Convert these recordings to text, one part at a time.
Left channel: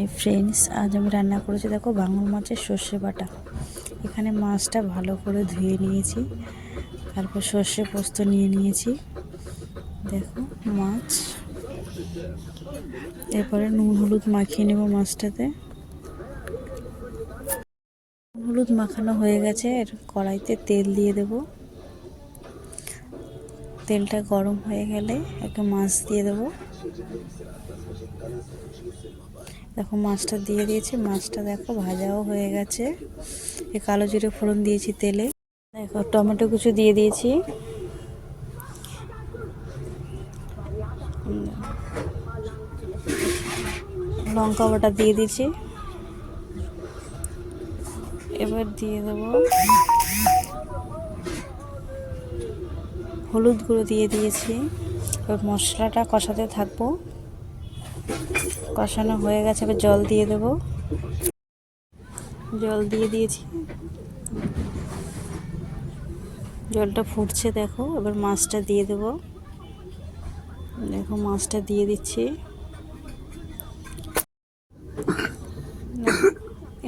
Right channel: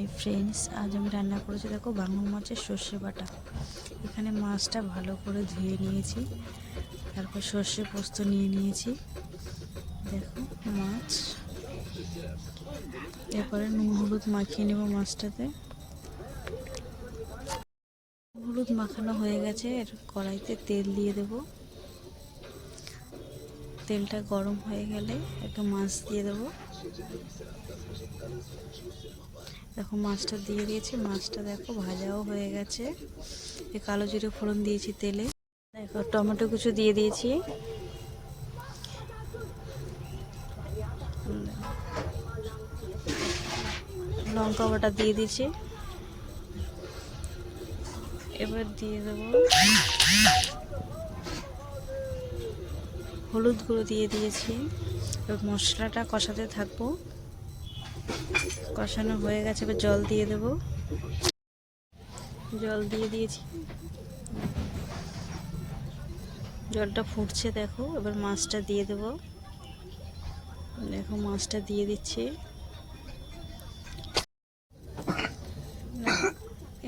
Hi friends, আজ আমি রান্না করেছি দেখো ভাঙন মাছের সর্ষে বাটা। এখানে মাছটা ভালো করে ধুয়ে নিয়েছি, তারপর সর্ষে পোস্ত নিয়ে নিয়েছি। দেখো মাছ, এরপরে নুন হলুদ মাখিয়ে নেব মাছটাতে। হলুদ মাখানো হয়ে গেছে, এর কড়াইতে তেল দিয়ে দেব। তেলটা গরম হয়ে গেলে একটু মাছ দিয়ে দেবো। দেখো মাছটা দিয়ে দিয়েছি, মাছটা দেখো ভাজাও হয়ে গেছে। এই কালো জিরে ফোড়ন দিয়েছি তেলে। দেখো টমেটো কুচি দিয়ে দিয়েছি, লঙ্কা বাটা দিয়ে দিয়েছি। এবার দিয়ে দেবো হলুদ গুঁড়ো দিয়ে দিয়েছি। এবার মশলাটা কষাতে থাকবো। কষানো হয়ে গেছে, এবার জল দিয়ে দেবো। জল দিয়ে দিয়েছি, জলটা ফুটছে দেখো। এবার মাছটা দিয়ে দেবো। দেখো মাছটা দিয়ে দিচ্ছি।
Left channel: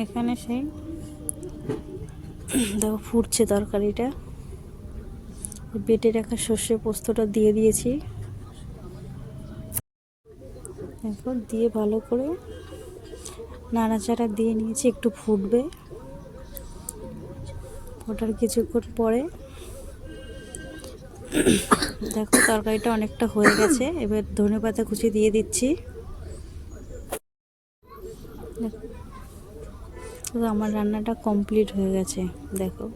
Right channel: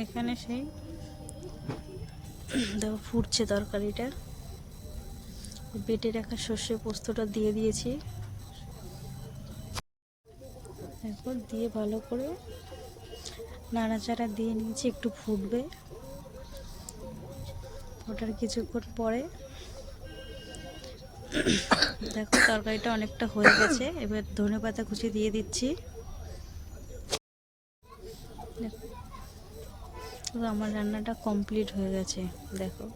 এখানে সেই দেখো ফুটছে তরকারিটা। বেটে রাখা সর্ষে পোস্তটা দিয়ে দিয়েছি। দেখো দিয়ে ভালো করে নাড়াচাড়া দিয়ে নিয়েছি, একটু ফুটবে। ফোটার কিছুক্ষণ পরে দেখো তরকারিটা অনেকটা হয়ে গেছে। এবার ধনেপাতা কুচি দিয়ে দিচ্ছি। আমার রান্নাটা কমপ্লিট হয়ে গেছে দেখো।